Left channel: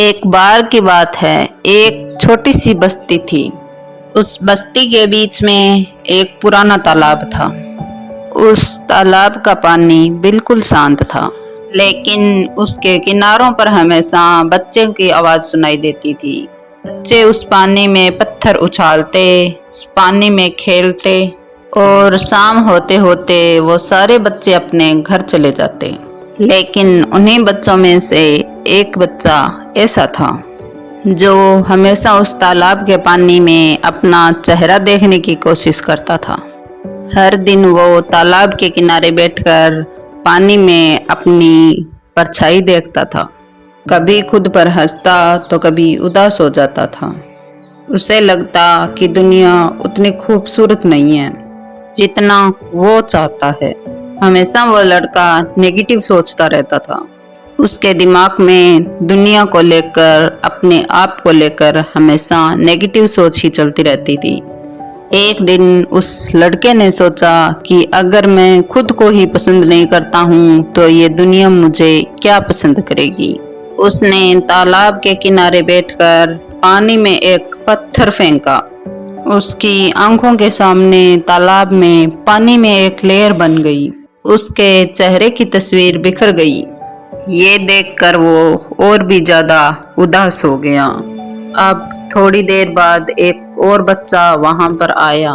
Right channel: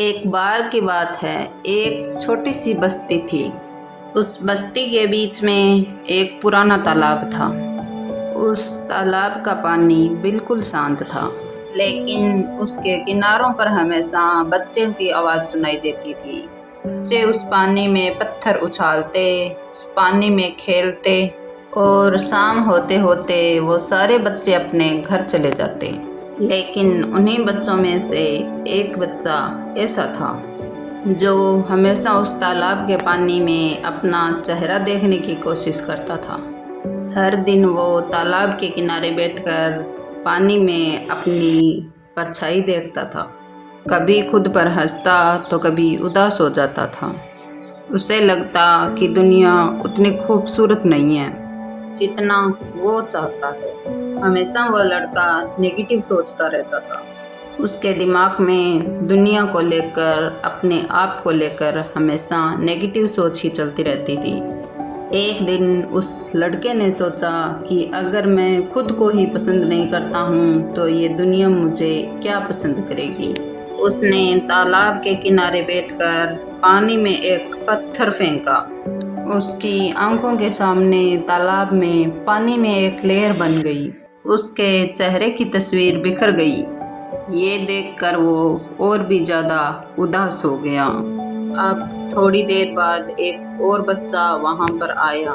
एक बार की बात है, एक छोटी सी बस्ती थी। उस बस्ती के बीच में एक पुराना तालाब था। उस तालाब का पानी बिल्कुल शांत था, लेकिन उसके किनारों पर हमेशा बच्चों की आवाज सुनाई देती थी। बच्चे उस पानी में पत्थर उछालते, उस पानी में खेलते और शाम होते होते वो सारे बच्चे अपने घर चले जाते। लेकिन उन्हीं बच्चों में से एक बच्चा ऐसा था जो हमेशा उस तालाब के पानी में अपना चेहरा देखने की कोशिश करता था। हर दिन वो तालाब के किनारे बैठकर पानी में अपनी परछाई देखता था। कभी खुद पर हंसता तो कभी उदास हो जाता था। उसे लगता कि दुनिया उतनी खूबसूरत नहीं है जितना वो चाहता है। हमेशा वो लड़का नेगेटिव सोचता रहता था। उसके दिमाग में दुनिया को लेकर, अपने आप को लेकर हमेशा नेगेटिव सोच ही चलती रहती थी। एक दिन उस लड़के ने सोचा कि अगर मैं खुद को ही पसंद नहीं करता हूँ तो ये दुनिया मुझे क्या पसंद करेगी। उसने तालाब के किनारे बैठकर पानी में एक पत्थर फेंका। उसकी आंखों के सामने तालाब में पानी में एक लेयर बन गई। उसके चेहरे की तस्वीर बिखर गई। ये देखकर वो और भी ज्यादा उदास हो गया। अब थोड़ी देर बाद एक और बच्चा वहां पर आया।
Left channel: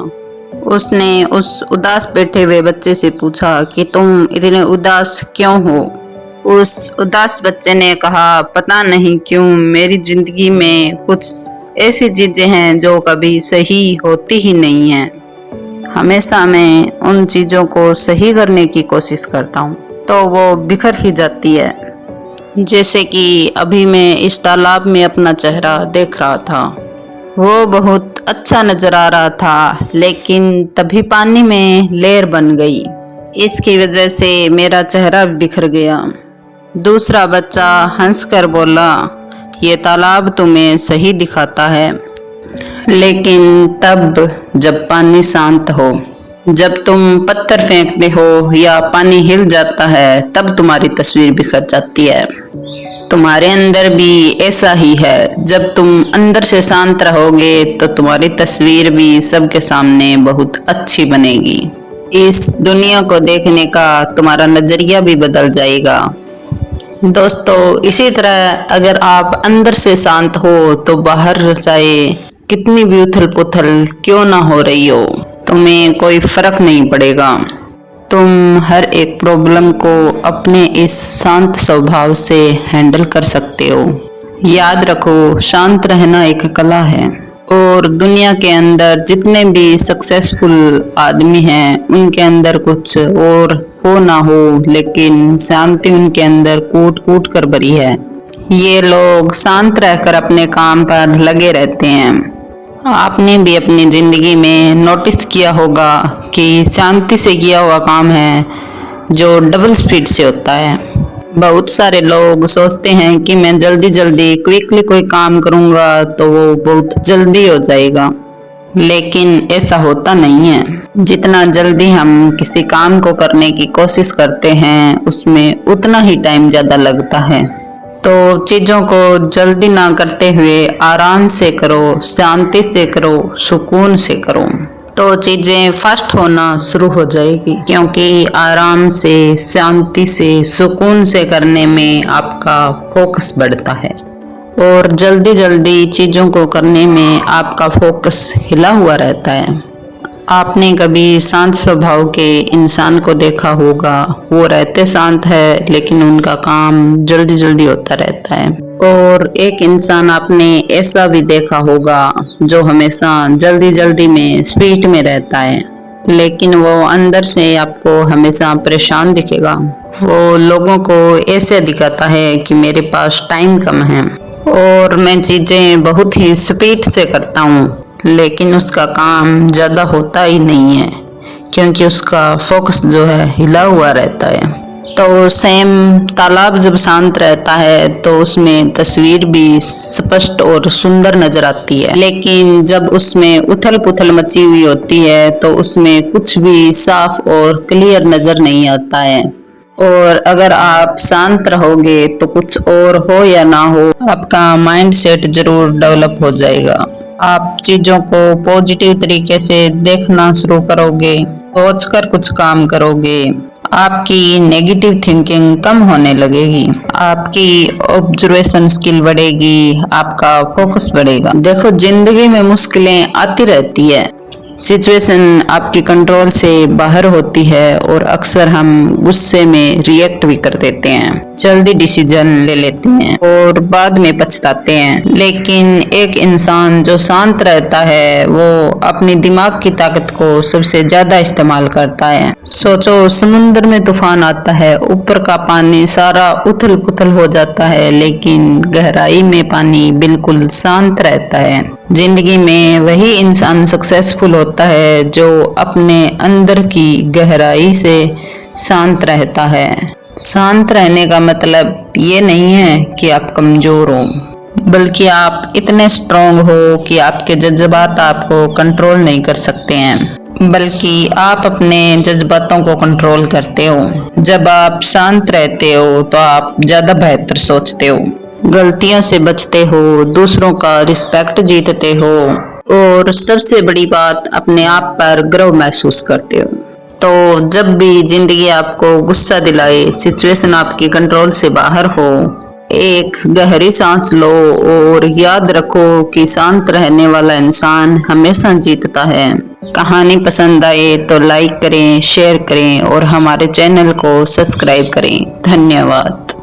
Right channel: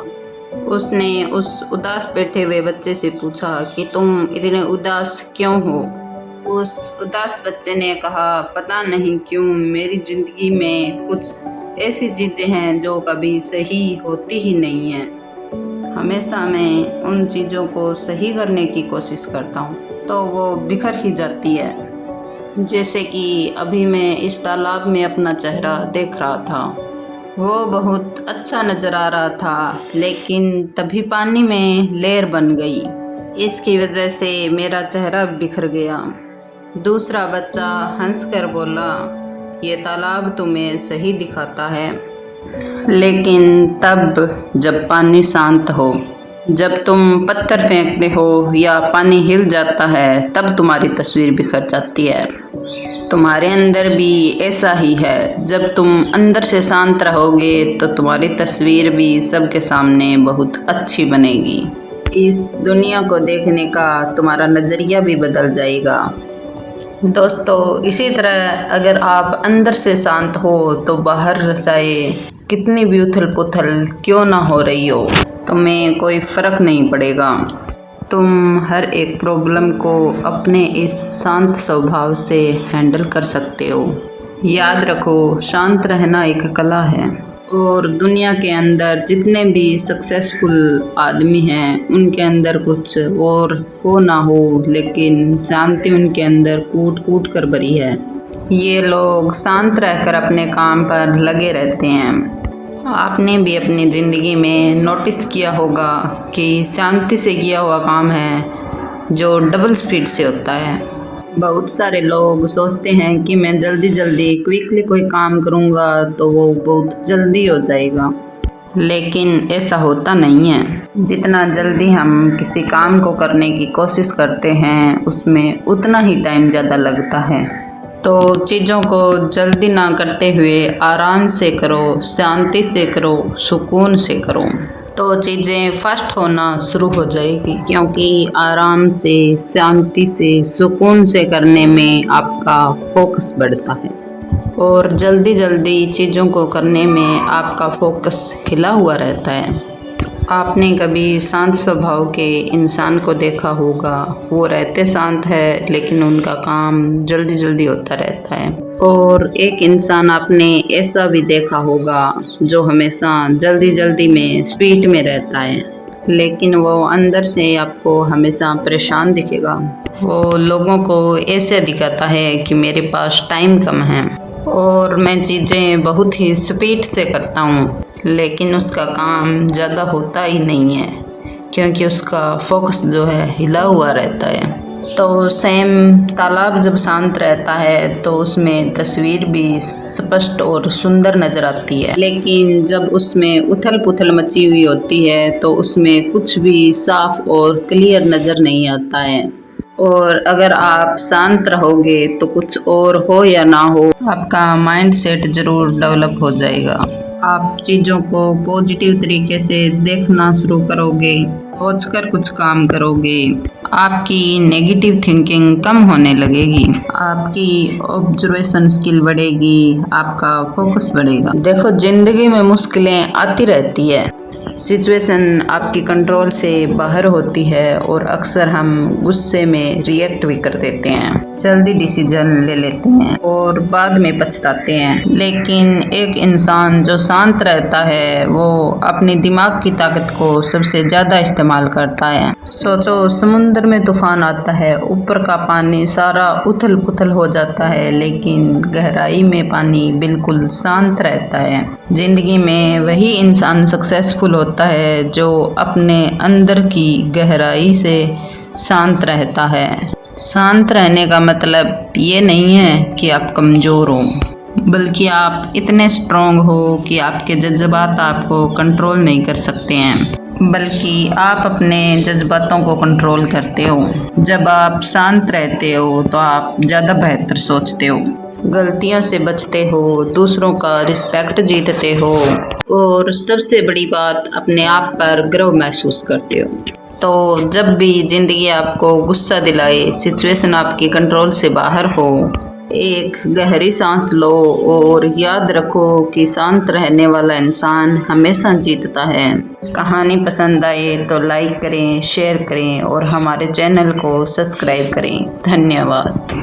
उसने उस उदास बैठे हुए बच्चे से पूछा कि तुम इतने उदास क्यों हो। उस उदास बच्चे ने कहा, पता नहीं क्यों मेरी जिंदगी में कुछ ऐसी चीजें हैं जो कभी सही होती ही नहीं हैं। हमेशा मैं उन चीज़ों को सही करने की कोशिश करता हूँ तो वो बिखर ही जाती है। जैसे कि अभी मैं इस तालाब में अपना चेहरा देख रहा था। वो बहुत अच्छा नजर आ रहा था, लेकिन तभी पानी में लेयर बन गई। इसकी वजह से मेरा चेहरा बिखर गया। दूसरा बच्चा हंसकर बोला, ये तालाब तुम्हें सही दिखाता है, लेकिन तब जब पानी शांत हो, जब तुम पत्थर फेंकते हो या पानी हिल जाता है, तब तुम्हारी तस्वीर बिखर जाती है। तुम्हारे अंदर भी ऐसा ही है। जब तुम अंदर से शांत रहोगे तो तुम्हारी तस्वीर भी सबके सामने बहुत अच्छी बनेगी। इस दुनिया को देखने का तुम्हारा नजरिया भी बदल जाएगा। दोस्तों, इसी तरह अगर आप अंदर से शांत हो तो बाहर चाहे कितनी भी उथल पुथल क्यों ना हो रही हो, तुम्हें कोई फर्क नहीं पड़ेगा। तुम हर एक प्रॉब्लम को अपने इस शांत स्वभाव से हैंडल कर सकते हो। याद रखो, शांत रहना एक कला है और दुनिया के अंदर जितने भी सक्सेसफुल आदमी हैं उनके अंदर कुछ और हो ना हो, लेकिन शांति उनके अंदर कूट कूट कर भरी है। ये लोग शांत रहकर अपने काम पर लगे रहते हैं। आपने भी अपनी जिंदगी में नोटिस किया होगा कि शांति से किया हुआ काम है जो डबल स्पीड से होता है। बहुत सारे लोग सोचते हैं कि मैं जल्दी जल्दी क्विकली कोई काम करूंगा तो वो बहुत जल्दी हो जाएगा, लेकिन ऐसा होता नहीं है। जितना जल्दी हम किसी काम को करने की कोशिश करते हैं उसमें उतना ही टाइम ज़्यादा लगता है। तो चीज़ों को जल्दी ना करते हुए आराम से करो, शांति से करो, सुकून से करो, तो चीज़ें फास्ट होना शुरू हो जाएगी। क्योंकि आराम से, शांति से, सुकून से करने में आपका फोकस बढ़ता है और जल्दी जल्दी चीज़ों को करने में आपका फोकस हिला हुआ रहता है। आपने कभी शांत स्वभाव के इंसान को देखा होगा। वो रहते शांत है लेकिन उनका काम जल्दी जल्दी होता रहता है। और एक इंसान आपने ऐसा भी देखा होगा जो हमेशा जल्दी जल्दी में स्पीड में रहता है, लेकिन वो अंदर से आपको हमेशा परेशान दिखेगा। वो लोगों को ऐसे दिखाता है कि मेरे पास टाइम कम है और मैं चीज़ें बहुत ही स्पीड से करता हूँ, लेकिन उसका काम ज़्यादा होता ही नहीं है क्योंकि उसका फोकस जो है हिला हुआ रहता है। तो सेम तालाब जब शांत रहता है तो उसमें तस्वीर भी स्पष्ट और सुंदर नजर आती है, लेकिन जब उसमें उथल पुथल मची हुई होती है तो उसमें कुछ भी साफ और क्लियर नजर नहीं आता है। और अगर आप शांत रहोगे तो कुछ और हो या ना हो, आपका माइंड सेट जरूर डेवलप हो जाएगा। आप चीजों को पॉजिटिव तरीके से देखना शुरू करोगे, सोचकर कुछ काम करोगे, आपकी नेगेटिव थिंकिंग कम होने लगेगी, आपकी ऑब्जर्वेशन स्किल बढ़ेगी, आपका फोकस बढ़ेगा। देखो, जिंदगी में मुश्किलें आती रहती है, सिचुएशन आपकी कंट्रोल से बाहर होती है और अक्सर हम गुस्से में रिएक्ट भी कर देते हैं, जल्दी डिसीजन ले लेते हैं और बाद में पछताते हैं। लेकिन एक इंसान जो शांत रहता है वो अपने दिमाग की ताकत को सबसे ज्यादा इस्तेमाल करता है। सोचो, समुद्र में तूफान आता है, ऊपर का पानी सारा उथल पुथल हो जाता है, लेकिन गहराई में पानी बिल्कुल शांत रहता है। जिंदगी में वही इंसान सक्सेसफुल होता है जो अपने अंदर की गहराई से शांत रहता है। शांत रहने का मतलब ये नहीं है कि आप कमजोर हो, बल्कि आप इतने स्ट्रांग हो कि आपके जज्बात आपको कंट्रोल नहीं कर सकते हैं, बल्कि आप अपने जज्बातों को कंट्रोल करते हो। जब आप शांत रहते हो तो आप ज्यादा बेहतर सोचते हो, गलतियों से बचते हो, दूसरों का रिस्पेक्ट जीतते हो और सबसे बड़ी बात, अपने आप पर गर्व महसूस करते हो। तो जब भी जिंदगी आपको गुस्सा दिलाए, सिचुएशन आपकी कंट्रोल से बाहर हो, एक गहरी सांस लो और याद रखो कि शांत रहने वाला इंसान हमेशा जीतता है। कहानी पसंद आए तो लाइक करें, शेयर करें और हमारे चैनल को सब्सक्राइब करें। धन्यवाद।